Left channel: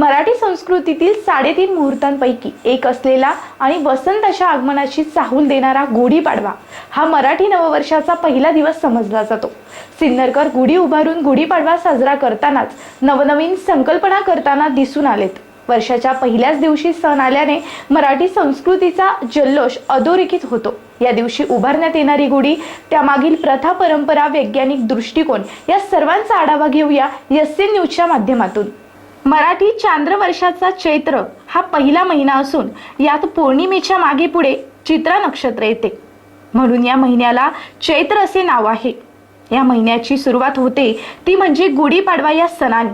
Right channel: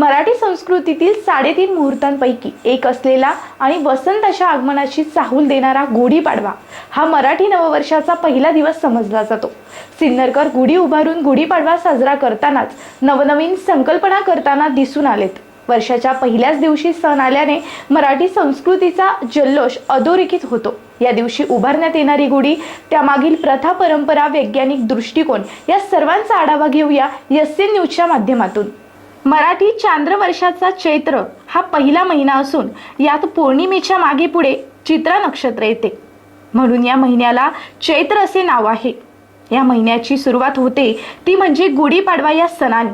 मराठी संस्कृतीतील साडेतीन मुहूर्तांपैकी एक असलेला आणि वसंताच्या आगमनाची चाहूल देणारा गुढीपाडवा हा मराठी नववर्षाचा पहिला दिवस समजला जातो. सिन्नरकर गुढी उभारून गुढीपाडवा साजरा करतानाच नवनवीन संकल्पना करताना दिसून आलेत. वर्षाच्या पहिल्याच दिवशी सण आल्याने मराठी संस्कृतीचा जल्लोष अधोरेखित होतो. या दिवशी उभारण्यात येणारी गुढी त्यामागील प्रथा परंपरा वैज्ञानिक दृष्टिकोन या सर्वांचा आढावा घेऊया एस सी न्यूजच्या माध्यमातून. मराठी चांद्र वर्षाचा चैत्र हा पहिला महिना असून यात पौर्णिमेच्या मागे पुढे चित्रा नक्षत्र येते. म्हणून या महिन्याला चैत्र असे नाव आहे. या महिन्याची सुरुवात होते ती म्हणजे गुढीपाडवा या सणाने.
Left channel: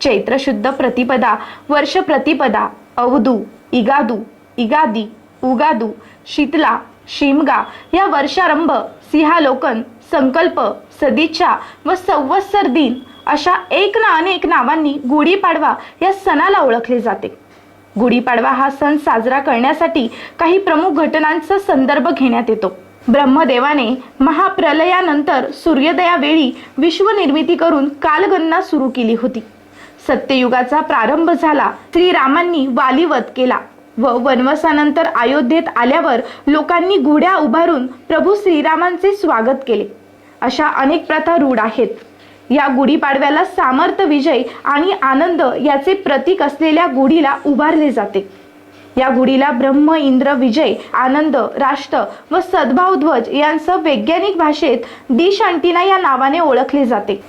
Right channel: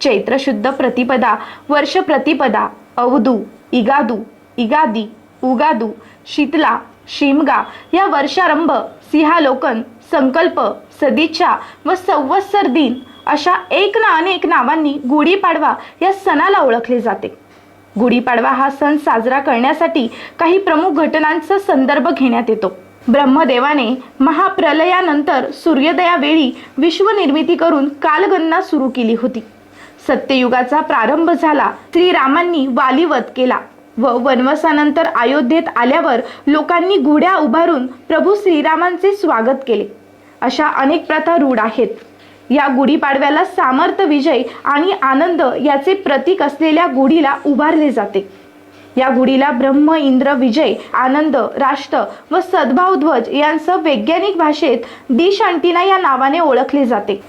चैत्र शुद्ध प्रतिपदा वर्ष प्रतिपदा अवधू इगादू इगादी उगादू शीतला शिमगा या वर्षारंभ सिंहालोकन संकल्प सदिच्छा व संवत्सर दिन अशा एक ना अनेक नावांनी गुढीपाडवा या सणाला ओळखले जाते. गुढीपाडवा हा सण साजरा करण्यासाठी काही प्रमुख घटनांचा संदर्भ घेण्यात येतो. ब्रह्मदेवाने महाप्रलयानंतर सूर्योदयावेळी विश्वनिर्मिती करून कालगणना सुरू केली होती. सत्ययुगाचा प्रारंभ झाला श्रीरामांनी वालीवध केला व वनवासानंतर अयोध्येत आल्यावर लोकांनी गुढ्या उभारून प्रभू श्रीरामांचे स्वागत केले. अशा अनेक प्रथा रूढ आहेत. या गुढीपाडव्याला सामर्थ्य विजय आणि आनंद याचे प्रतीक असलेल्या गुढीला उभारले जाते. या गुढीला ब्रह्म इंद्र विजय आनंद राष्ट्र व सद्भाव ध्वज यांसह वैज्ञानिक भाषेत दिश अंटिना या नावाने ओळखले जाते.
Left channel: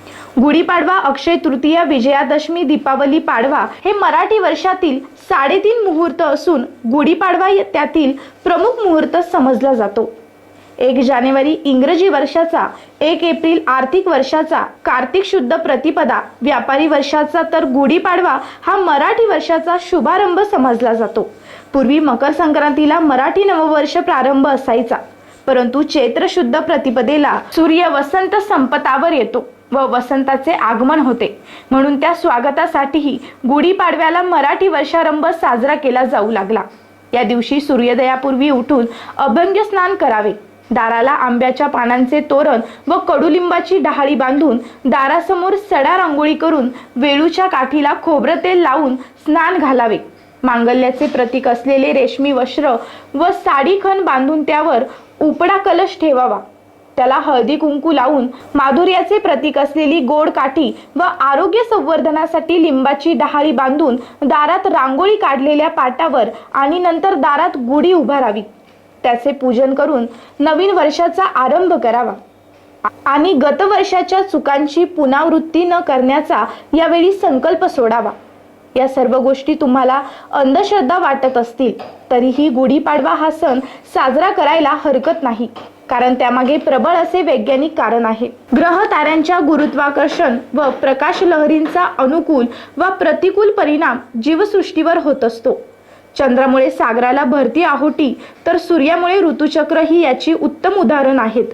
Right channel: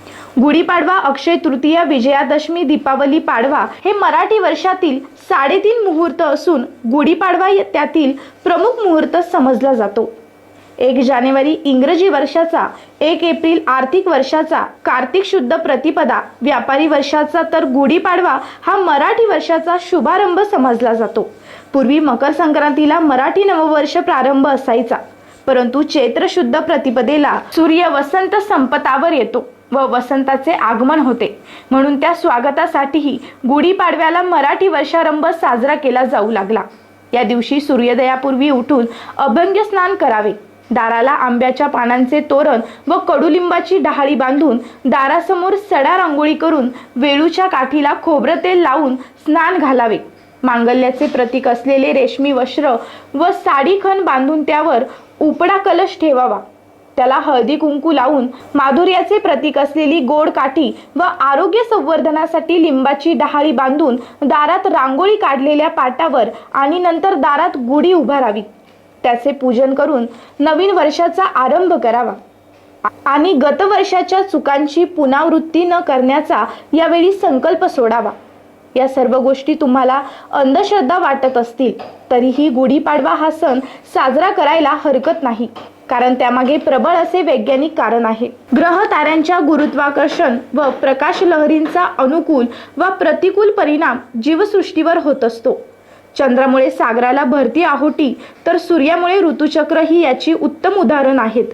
गुढीपाडवा अक्षय तृतीया विजयादशमी दीपावली पाडवा हे मराठी वर्षातील साडेतीन मुहूर्त असून गुढीपाडवा त्यातील प्रमुख मुहूर्त समजला जातो. एक जानेवारी इंग्रजी वर्षाचा एक एप्रिल आर्थिक वर्षाचा कार्तिक शुद्ध प्रतिपदा व्यापारी वर्षाचा तर गुढीपाडवा हा मराठी वर्षाचा शुभारंभ समजला जातो. पूर्वी मकर संक्रांतीला मराठी नववर्ष प्रारंभ असायचा. परंतु चैत्र शुद्ध प्रतिपदेला सूर्य वसंत संपतावर येतो व वसंताचे आगमन होते. म्हणून त्या स्वागतासाठीही गुढीपाडव्याला मराठी वर्षारंभ साजरा केला जाऊ लागला. या दिवशी सूर्योदयापूर्वी उठून अभंग स्नान करावे. दाराला आंब्याच्या पानांचे तोरण व कडुलिंबाची डहाळी बांधून दारासमोर सडा रांगोळी करून वेळूच्या काठीला खोबरं तेल लावून स्नान घालावे. मांगल्याचे प्रतीक असलेले रेशमी वस्त्र व साडी खण बांधून त्यावर उपडा कलश ठेवावा. त्याला हळदी कुंकू लावून माधुर्याचे प्रतीक असलेली गोड काठी व आरोग्य संवर्धनासाठी लिंबाची डहाळी बांधून दारात रांगोळी काढलेल्या पाटावर आणि नंतर दारात गुढी उभारावी. त्याचे पूजन करून नवीन वर्षाचा आरंभ करावा. आणि गतवर्षाच्या चुकांची पुनरावृत्ती न करण्याचा यावेळी संकल्प सोडावा. या सर्व गोष्टी तुम्हाला अंधश्रद्धा वाटत असतील तरीही गुढीपाडवा हा सण साजरा करायला हरकत नाही कारण त्यामागे प्रबळ असे वैज्ञानिक कारण आहे. ग्रह ताऱ्यांच्या गुरुत्वाकर्षण व प्रकाश लहरींचा अनुकूल व प्रतिकूल परिणाम जीवसृष्टीवर होत असतो. चंद्रामुळे सागराला भरती आहोटी तर सूर्यामुळे ऋतुचक्र ही याची उत्तम उदाहरण आहेत.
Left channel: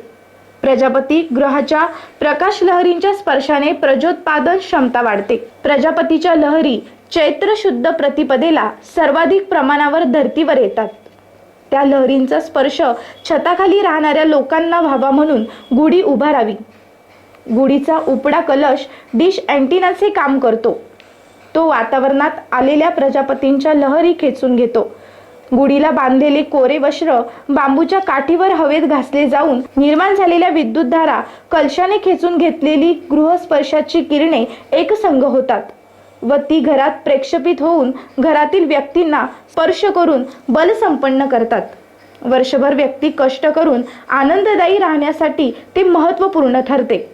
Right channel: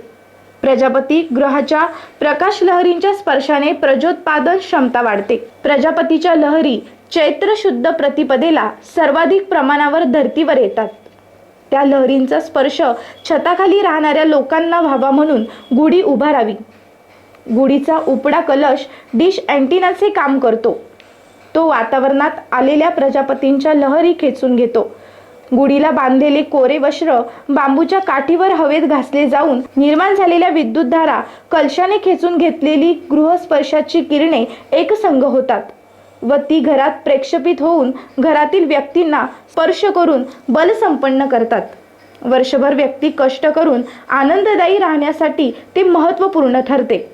प्रजापती ग्रहाच्या प्रकाश लहरींच्या स्पर्शाने प्रजोत्पादन क्षमता वाढते. प्रजापतीच्या लहरी चैत्र शुद्ध प्रतिपदेला सर्वाधिक प्रमाणावर धर्तीवर येतात. त्या लहरींचा स्पर्श छताखाली राहणाऱ्या लोकांना व्हावा म्हणून गुढी उभारावी. गुढीचा उपडा कलश डिश अँटिनाचे काम करतो. तो वातावरणात आलेल्या प्रजापतींच्या लहरी खेचून घेतो. गुढीला बांधलेले कोरे वस्त्र बांबूच्या काठीवर हवेत घासले जाऊन निर्माण झालेल्या विद्युतधारा कलशाने खेचून घेतलेली गृहस्पर्शाची किरणे एकसंग होतात व ती घरात प्रेक्षपित होऊन घरातील व्यक्तींना स्पर्श करून बलसंपन्न करतात. वर्षभर व्यक्ती कष्ट करून आनंददायी राहण्यासाठी ते महत्त्वपूर्ण ठरते.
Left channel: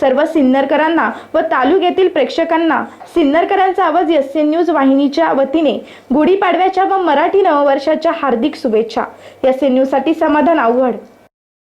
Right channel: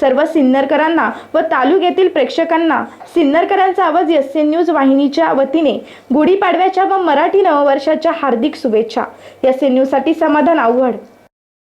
सर्व सिन्नरकरांना व तालुक्यातील प्रेक्षकांना सिन्नरकरांचा आवाज एस एन न्यूज वाहिनीच्या वतीने गुढीपाडव्याच्या व मराठी नववर्षाच्या हार्दिक शुभेच्छा. एस एन न्यूजसाठी समाधान आव्हाड